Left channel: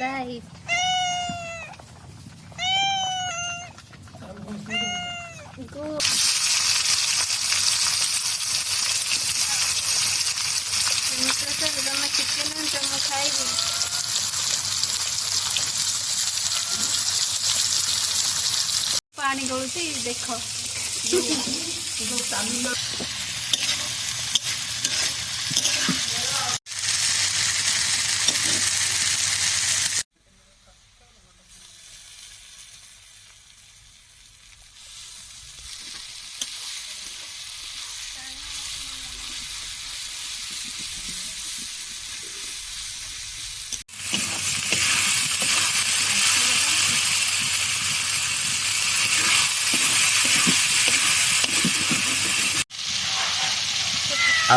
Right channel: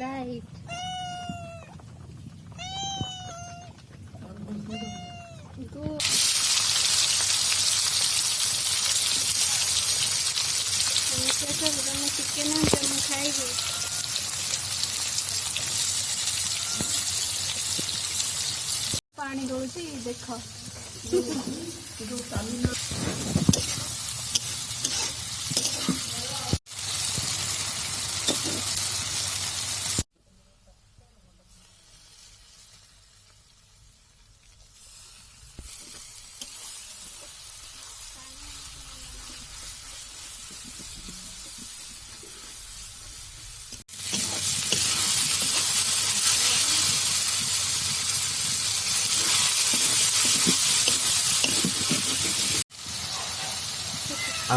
Right. Good. Chicken खाइबे पानी गलुची देख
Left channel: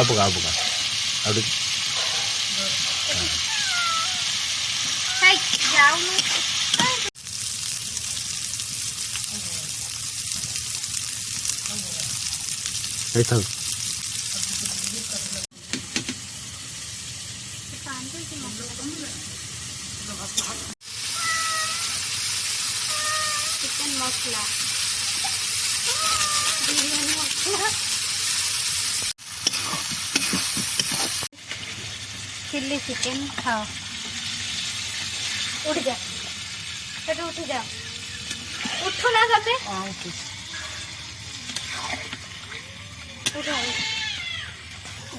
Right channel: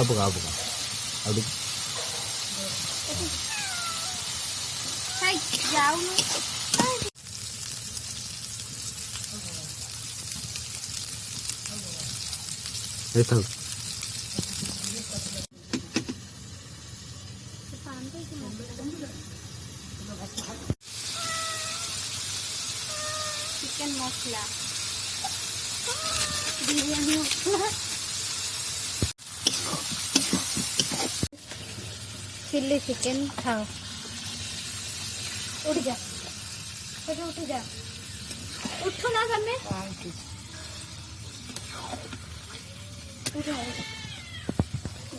buka aduh hai jauh itu chicken मसला बिरयानी मसला चिल्ली चिकन खाओ उठ जा उठ जा उठो ना तमे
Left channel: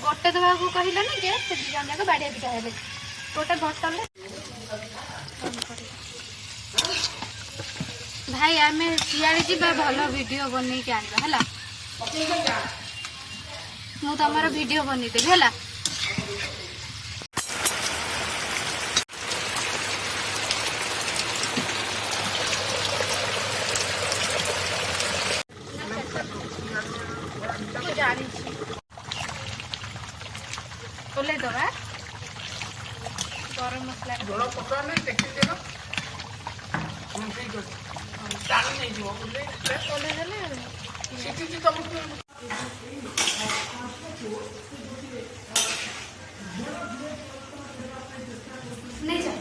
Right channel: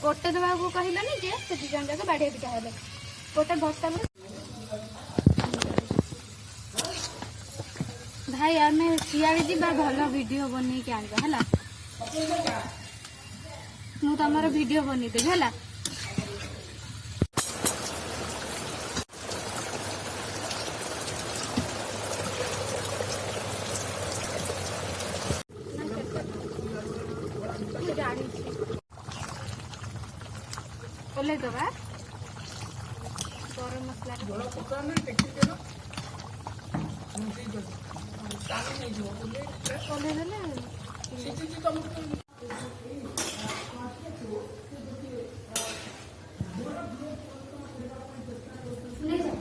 गोटे दवा को कहलानी जे से जन जाक बाड़िया बिटा हेले गोटे बोतल भाई आम सियाड़े जा भल वीडियो बन के आनवा है मु तुम वीडियो बनईदेवी है बोले दबा गरम मसला जोड़ा पका नहीं देखते देना डाल नहीं जीव बोले बोले देले सीटी तुम नहीं जा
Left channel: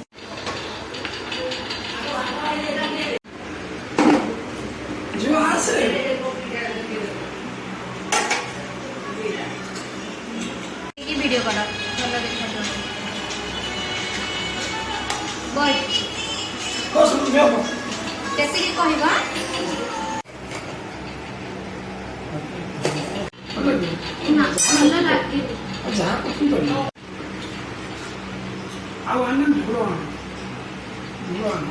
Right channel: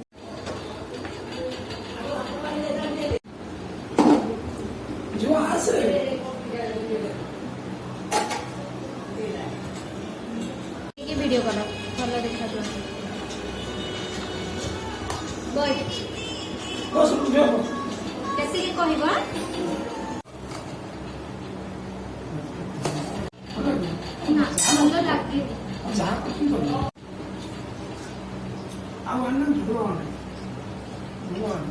जो आसे वीडियो करा भल देखा बोल कैसे की कहबा भल लागे जा आ आनंद भगवान भगवान